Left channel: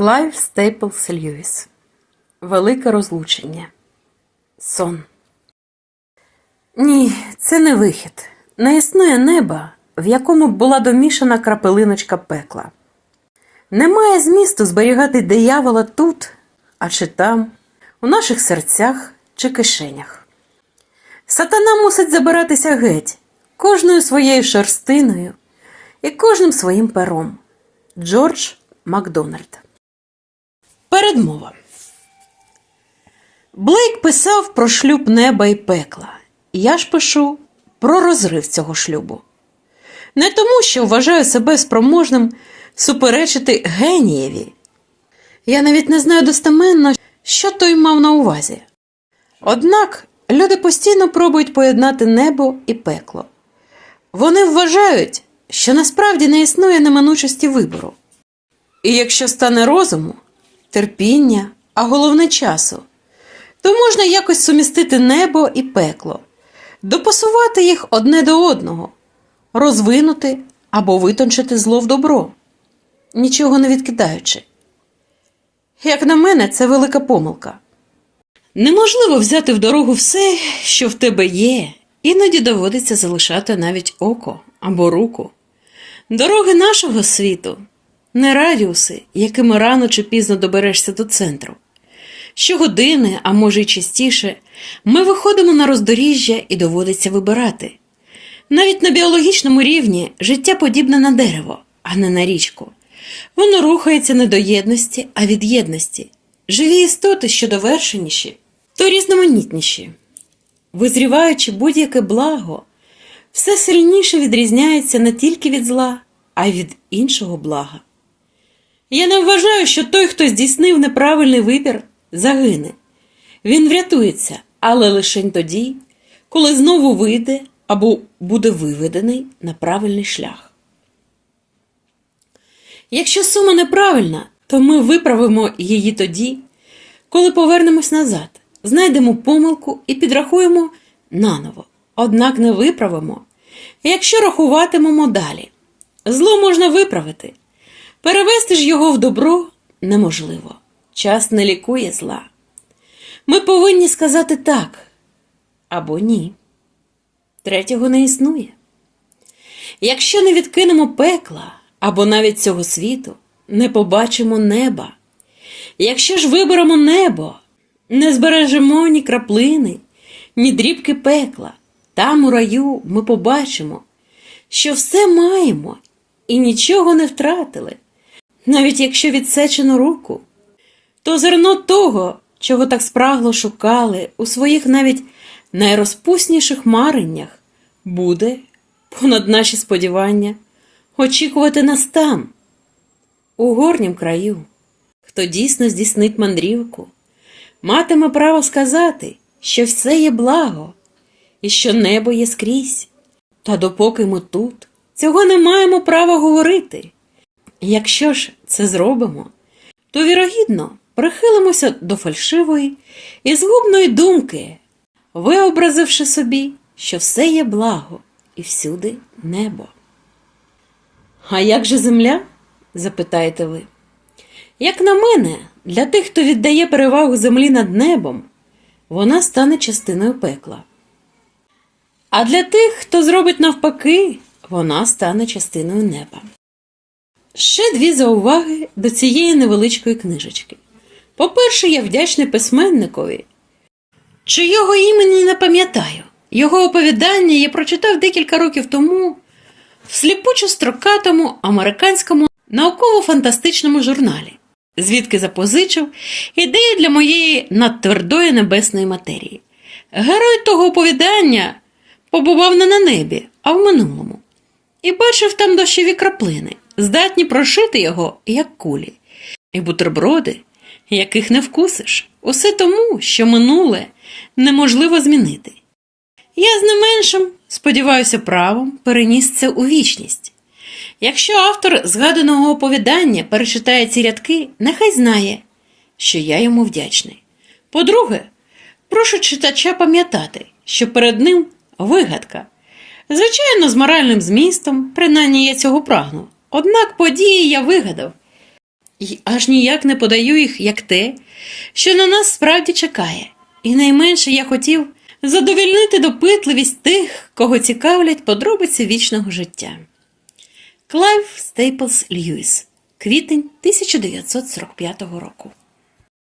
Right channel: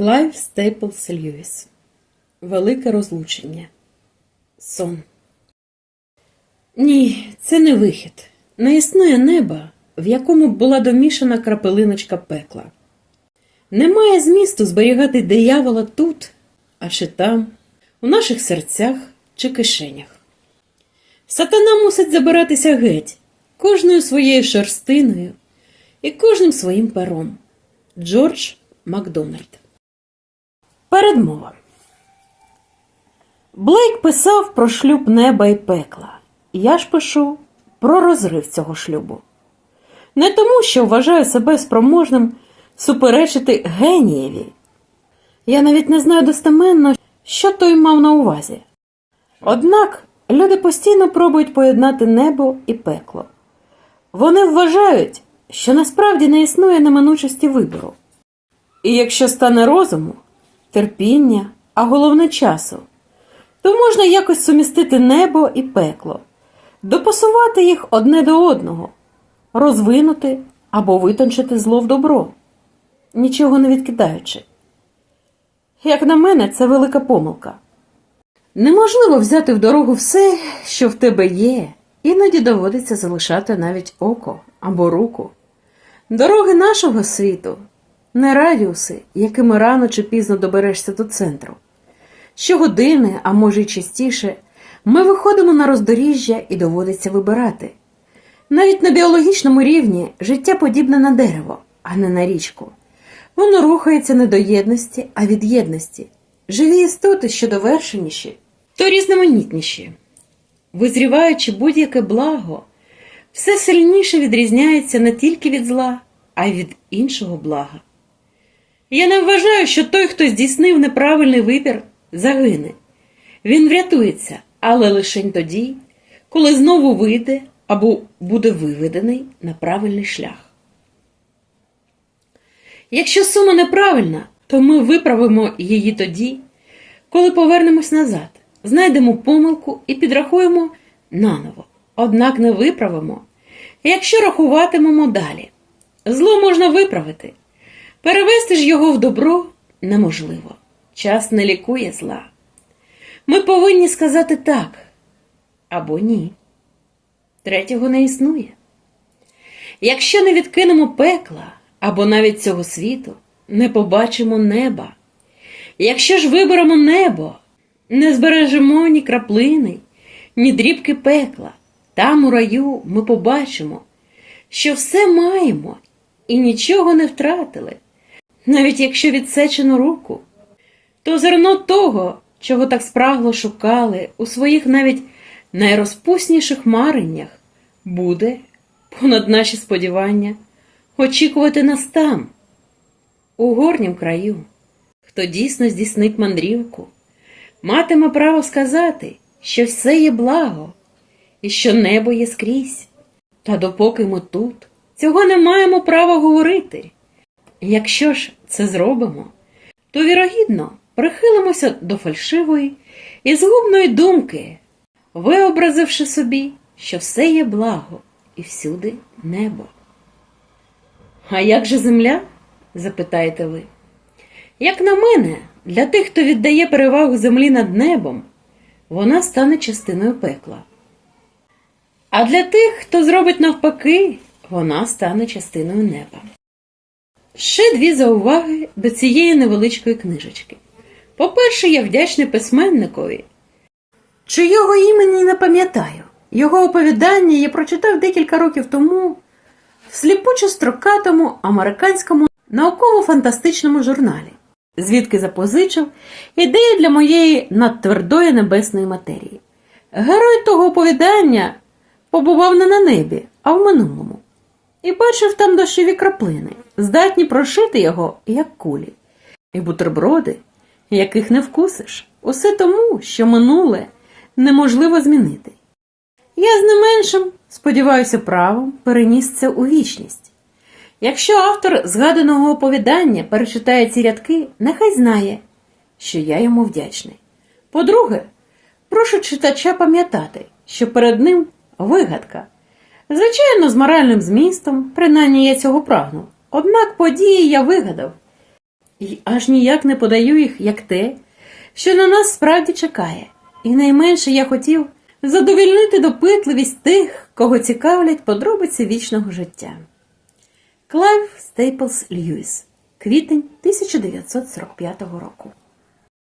Клайв Стейплс Льюіс. Велике розлучення. Сон. Ні, це не вихід. Не існує неба, в якому була домішана крапелиночка пекла. Немає змісту зберігати диявола тут, а чи там, у наших серцях чи кишенях. Сатана мусить забиратися геть, кожною своєю шерстиною і кожним своїм пером. Джордж Макдональд. Передмова. Блейк писав про шлюб неба і пекла. Я ж пишу про розрив цього шлюбу. Не тому, що вважаю себе спроможним суперечити генієві. Я навіть не знаю достеменно, що той мав на увазі. Однак люди постійно пробують поєднати небо і пекло. Вони вважають, що насправді не існує неминучості вибору. І якщо стане розуму, терпіння, а головне часу, то можна якось сумістити небо і пекло, допасувати їх одне до одного, розвинути або витончити зло в добро, нічого не відкидаючи. Як на мене, це велика помилка. Неможливо взяти в дорогу все, що в тебе є, іноді доводиться залишати навіть око або руку. Дороги нашого світу не радіуси, якими рано чи пізно доберешся до центру. Щогодини, а може й частіше, ми виходимо на роздоріжжя і доводиться вибирати. Навіть на біологічному рівні життя подібне на дерево, а не на річку. Воно рухається не до єдності, а від єдності. Живі істоти, що довершеніші, то різноманітніші. Визріваючи будь-яке благо, все сильніше відрізняється не тільки від зла, а й від іншого блага. Я не вважаю, що той, хто здійснив неправильний вибір, загине. Він врятується, але лише тоді, коли знову вийде або буде виведений на правильний шлях. Якщо сума неправильна, то ми виправимо її тоді, коли повернемось назад, знайдемо помилку і підрахуємо наново, однак не виправимо, якщо рахуватимемо далі. Зло можна виправити, перевести ж його в добро неможливо. Час не лікує зла. Ми повинні сказати так або ні. Третього не існує. Якщо не відкинемо пекла або навіть цього світу, не побачимо неба. Якщо ж виберемо небо, не збережемо ні краплини, ні дрібки пекла, там у раю ми побачимо, що все маємо і нічого не втратили, навіть якщо відсечену руку, то зерно того, чого так спрагло шукали у своїх навіть найрозпусніших мареннях, буде, понад наші сподівання, очікувати нас там, у горнім краю, хто дійсно здійснить мандрівку, матиме право сказати, що все є благо і що небо є скрізь. Та допоки ми тут, цього не маємо права говорити. Якщо ж це зробимо, то вірогідно прихилимося до фальшивої і згубної думки, виобразивши собі, що все є благо і всюди небо. А як же земля? запитаєте ви. Як на мене, для тих, хто віддає перевагу землі над небом, вона стане частиною пекла. А для тих, хто зробить навпаки, вона стане частиною неба. Ще дві зауваги до цієї невеличкої книжечки. По-перше, я вдячний письменникові, чийого імені не пам'ятаю. Його оповідання я прочитав декілька років тому в сліпучо строкатому американському науково-фантастичному журналі, звідки запозичив ідею для моєї надтвердої небесної матерії. Герой того оповідання побував не на небі, а в минулому, і бачив там дощові краплини, здатні прошити його, як кулі, і бутерброди, яких не вкусиш, усе тому, що минуле неможливо змінити. Я з не меншим, сподіваюся, правом переніс це у вічність. Якщо автор згаданого оповідання перечитає ці рядки, нехай знає, що я йому вдячний. По-друге, прошу читача пам'ятати, що перед ним вигадка. Звичайно, з моральним змістом, принаймні я цього прагну. Однак події я вигадав. І аж ніяк не подаю їх як те, що на нас справді чекає. І найменше я хотів задовільнити допитливість тих, кого цікавлять подробиці вічного життя. Клайв Стейплс Льюіс, квітень 1945 року.